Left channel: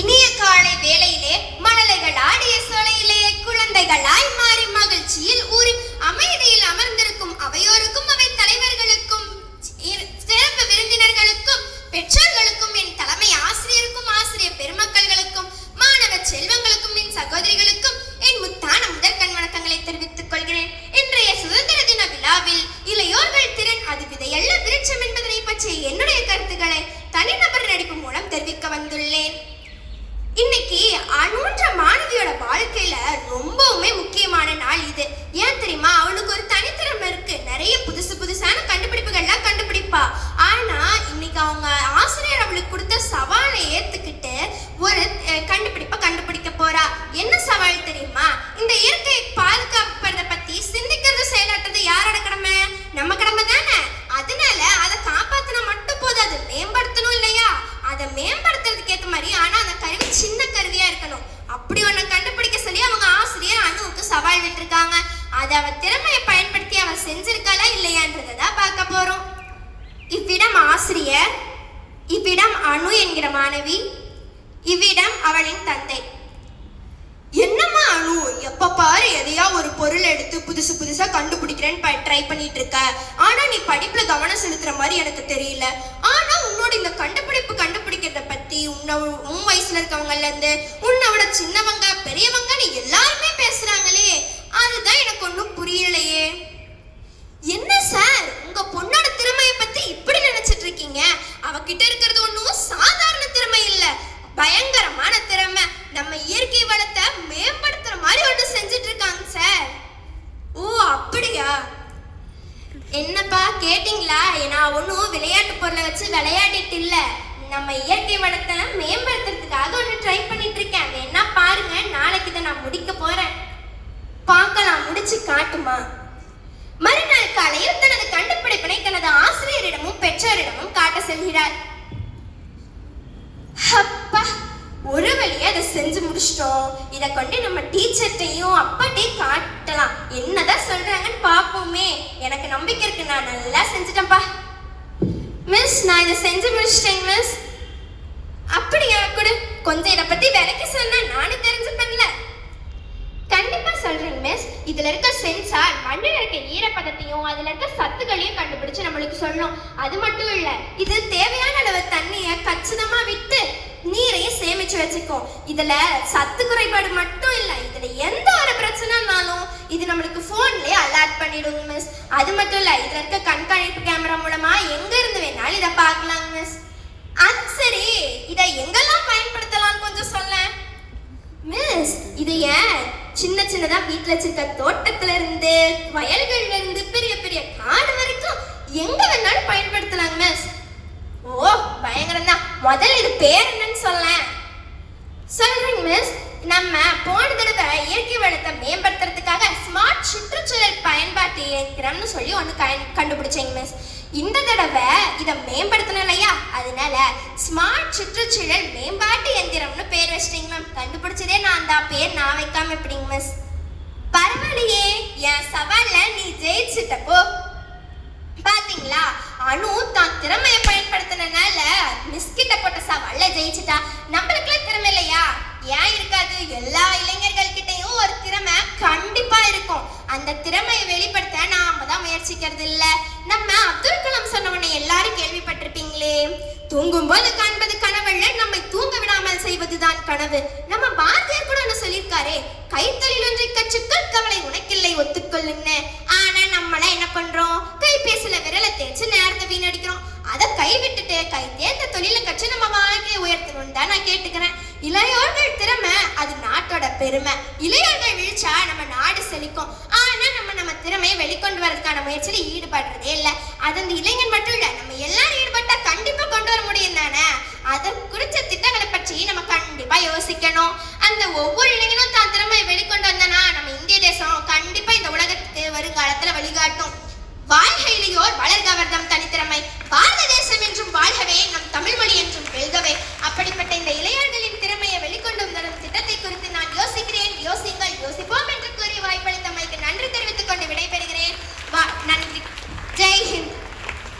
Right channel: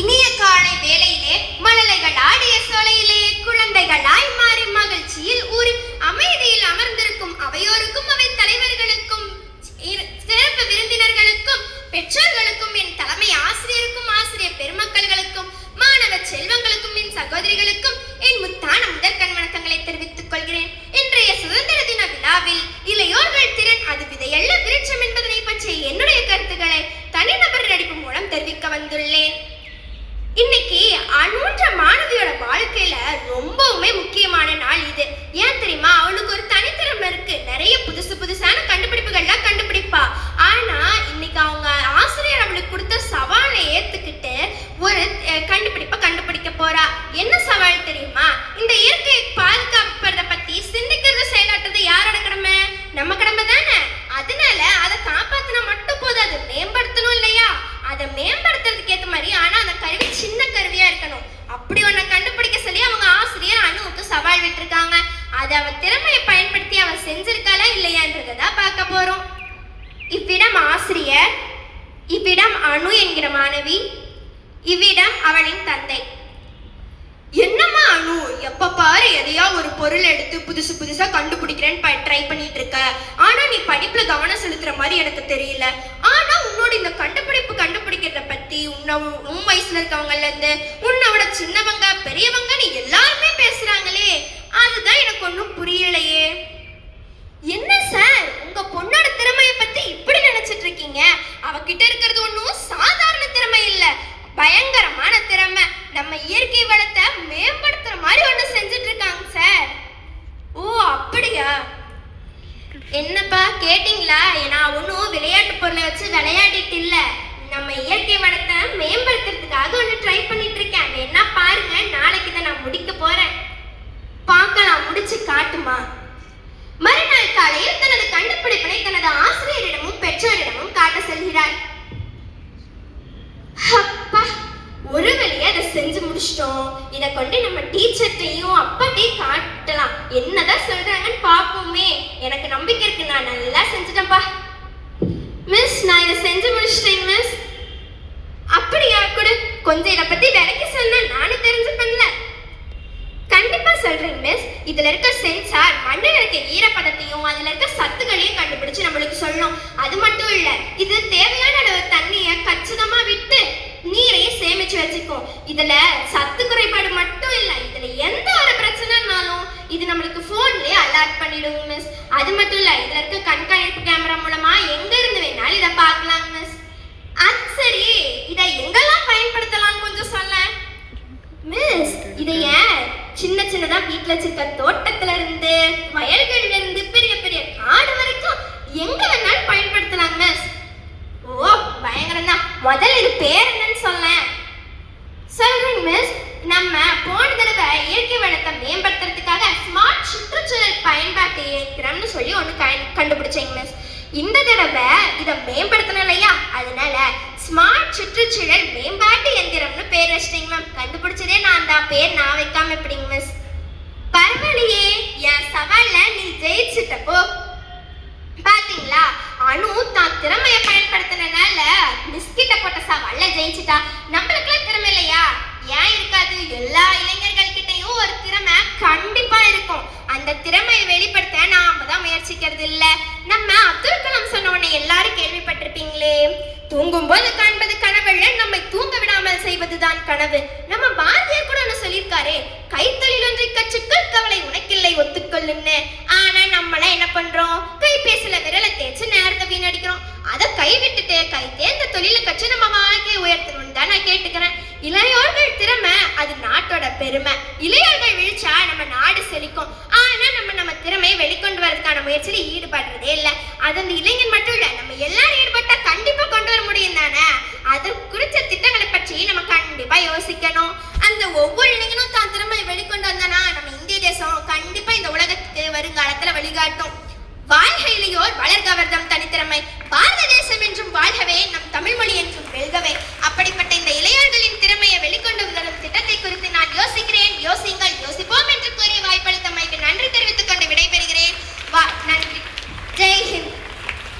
இனிய காலை வேளையிலே மணலைகள் ஆடிய சோலையிலே குழந்தைகளாய் மாறி மகிழ்ச்சியில் ஊறி அமைதியில் அமர்ந்திருக்கும் அவையோருக்கும் அவை தலைவர்களுக்கும் சிறப்பு விருந்தினர்களுக்கும் பெற்றோர்களுக்கும் என் தலைமை ஆசிரியருக்கும் ஆசிரியர் பெருமக்களுக்கும் மாணவ செல்வங்களுக்கும் என் சகோதரிகளுக்கும் என் முத்தான முதற்கண் வணக்கங்களை தெரிவித்துக் கொள்கிறேன். இன்றைய சுதந்திர தின விழாவில் இளையோர்கள் திறன் அது விதையல்ல விருட்சம் என்பதனை பற்றிய என்னுடைய கருத்துக்களை தனிநபர் நடிப்பு மூலம் தெரிவிக்க வந்துள்ளேன். இன்னைக்கு அணுன்ற மாணவியோட வாழ்க்கையில ரொம்பவுமே முக்கியமான நாள் இது. ஏன் தெரியுமா? அவளுக்கு ஒரு தனித்திறமை இருக்கு. நிறைய புதுசான கண்டுபிடிப்புகள்லாம் கண்டுபிடிப்பா. ஆனா இன்னைக்கு அவங்க ஆசிரியர் அவளுக்கு கொடுத்த சவாலை ஏத்துக்கிட்டு ஒரு கண்டுபிடிப்பை கண்டுபிடிக்க போறா. என்ன சவால் தெரியுமா? இந்த இயற்கை பாதுகாப்பதை பத்தி சிந்திக்கிறது செயலாற்றுறது யாரோட கடமை? நம்ம கடமை தானே. அதனால அதை காப்பாத்தினா மட்டும் போதும், அதை மேம்படுத்தணும் இல்லையா? அதை மேம்படுத்துறதுக்கு ஏற்ற மாதிரி ஆனா அந்த கருவி சின்ன கருவியா இருக்கணும். அப்படி ஒண்ணு கண்டுபிடிக்க சொல்லி அவங்க ஆசிரியர் அணுவுக்கு சவால் விட்டுருக்காங்க. அதை அவ திறமையை பயன்படுத்தி அவ செஞ்சிருக்காளா இல்லையான்றதான் பார்க்க போறோம். இவ்விடம் ஆசிரியர், இவ்விடம் அணு என்கிற மாணவி, இவ்விடம் அவளின் தந்தை. என்னம்மா அணு, எப்ப பாரு எதையா ஒரு பொருள் எடுத்து புதுசா கண்டுபிடிக்கிறேன்னு ட்ரை பண்ணிட்டு இருக்க. ஆனா நீ படிப்புல கவனம் செலுத்துற மாதிரி எனக்கு தெரியல. ஆனா உன்னோட இந்த கண்டுபிடிக்கிறத பத்தி உன் வயசுல இருக்கவங்கல இருந்து உன்னை விட சின்னவங்க பெரியவங்கன்னு எல்லாருமே பேசுறாங்களே, அதுதான் எனக்கு ஒன்றும் புரியலையே. என்ன சார், உங்க பொண்ணோட திறமையை பத்தி இப்படி நினைச்சிட்டு இருக்கீங்க? அவகிட்ட இருக்கிறது ஒன்றும் சாதாரண திறமை இல்ல, பயங்கரமான திறமை. நம்ம இயற்கை வளத்தை மேம்படுத்துற மாதிரி ஒண்ணு செஞ்சுட்டு இருக்காங்க சார். ஓ அப்படியா? என்னப்பா கேட்டீங்களா? நான் ஒன்றும் விளையாட்டு பொருளை வச்சு விளையாடிட்டு இல்ல, நம்ம இயற்கை வளத்தை மேம்படுத்துறதுக்காக ஒன்று ட்ரை பண்ணிட்டு இருக்கேன். என்ன பாருங்க, நாளைக்கு தான் நான் முடிக்க போறேன். பார்க்கலாம், முடிச்சு காட்டுமா. மறுநாள் காலையில் தனது கண்டுபிடிப்பினை தனது ஆசிரியரிடமும் பெற்றோரிடமும் காட்ட செல்கிறார். அப்பா, ஒரு வழியா அதை செஞ்சு முடிச்சிட்டோம். இதை கொண்டு நம்ம டீச்சர்ட்டையும் அப்பாட்டையும் காட்டலாம். என்னதான் சொல்றாங்கன்னு பார்ப்போமே. எனக்கு நம்பிக்கை இருக்கு, நான் நல்லா செஞ்சுட்டேன்ப்பா. மிஸ், நான் இதை செஞ்சு முடிச்சிட்டேன் மிஸ். அப்படியா? கூட கொஞ்சம் இதை பத்தி விலைக்கு சொன்னா நானும் தெரிஞ்சுப்பேன்ல. கண்டிப்பா சொல்றேன் மிஸ். இதுல இருக்க சென்சார் மண்ணில் இருக்க ஈரப்பதத்தையும் அதுல இருக்க சத்துக்களையும் கண்டுபிடிச்சு நம்மளுக்கு சொல்லும். அது மட்டும் இல்ல, இது தேவையான அளவு தண்ணியை கச்சிதமா விட்டு நீரையும் சேமிச்சு வச்சுக்கும். இதுல சத்து குறைபாடு மட்டும் இல்ல, இதுல எந்த ஒரு பிரச்சனைனாலும் இது நம்மளுக்கு போன்லயே அலர்ட் பண்ணிடுவோம் மிஸ். அது மட்டும் இல்ல, இதுல இருக்க கண்காணிப்பு கேமரா மூலமா எங்க இருந்து வேணாலும் இதை பார்க்கலாம் மிஸ். அது சரி, இதை எங்கெல்லாம் பயன்படுத்தலாம் கொஞ்சம் சொல்ல மிஸ். இதை ஏன் சின்னதா வீட்டுல வச்சிருக்க தோட்டத்துல இருந்து வயல்கள்ல இருந்து பெரிய பெரிய காடு வரைக்கும் எங்க வேணாலும் பயன்படுத்தலாம் மிஸ். ஓ பயங்கரம் தான். முதல்ல இது பேர் என்னன்னு சொல்லேன். சொல்றேன் மிஸ். நம்ம போன தடவை இயற்கை வளத்தை மேம்படுத்துறதுக்காக ஸ்மார்ட் சுற்றுச்சூழல் பயன்பாட்டு இயந்திரம்னு சொல்லி ஒன்று கண்டுபிடிச்சேங்க மிஸ். இந்த தடவை இதை மேம்படுத்தணும் இல்லையா, அதனால ஸ்மார்ட் சுற்றுச்சூழல் மேம்பாட்டு இயந்திரம்னு பேர் வச்சிட்டீங்க மேம். கண்டுபிடிச்சதே நான் தான், பேர் நான் வைக்காம எப்படிங்க மிஸ்? பரவாயில்லையே, என் சவால்ல நீ ஜெயிச்சுட்டப்போ. பாத்தீங்களா, அணு தான் திறமையை பயன்படுத்தினால மிஸ் கிட்ட போட்ட சவால்ல ஜெயிச்சுட்டா. நம்மளுக்குலாம் திறமை இல்லையா? ஏன் இருக்காது? எல்லா இளைஞர்கள் கிட்டையும் ஒரு திறமை கண்டிப்பா இருக்கும். அந்த திறமையை வெளிப்படுத்த நாம தான் முயற்சிக்கிறது இல்ல. நம்ம அப்துல் கலாம் சொன்ன உடனே எல்லாரும் கேள்விப்பட்டிருப்பீங்களே, தூங்கும் போது காண்பது கனவல்ல, நம்மை தூங்க விடாமல் செய்வதுதான் கனவு. நம்ம பாரதியார் கூட ஒண்ணு சொல்லியிருக்காரே, கைத்தொழில் ஒன்றை கற்றுக்கள் கவலை உனக்கில்லை ஒத்துக்கொள்ளுன்னு. ஆனா நம்மள என்ன பண்றோம்? கைபேசியில விரலை தேய்ச்சி நேரத்தை வீணடிக்கிறோம். அதை கைவிட்டுட்டு கை தேர்ந்த தொழிலை கற்று நம்ம வாழ்க்கையை உயர்த்தணும்னு தான் நான் கேட்டுக்கிறேன். இளையோர்கள் திறமை அது நாட்டோட பெருமை. இளையோர்கள் விழிச்சா நம்ம நாடு செழிக்கும். ஆனா நம்ம திறமையை வெளிக்கொண்டு வரதுக்கான முயற்சியில ஈடுபடுறதே இல்லை. அது அந்த இளைஞன் மட்டும் இல்ல, நம்ம எல்லாரையும்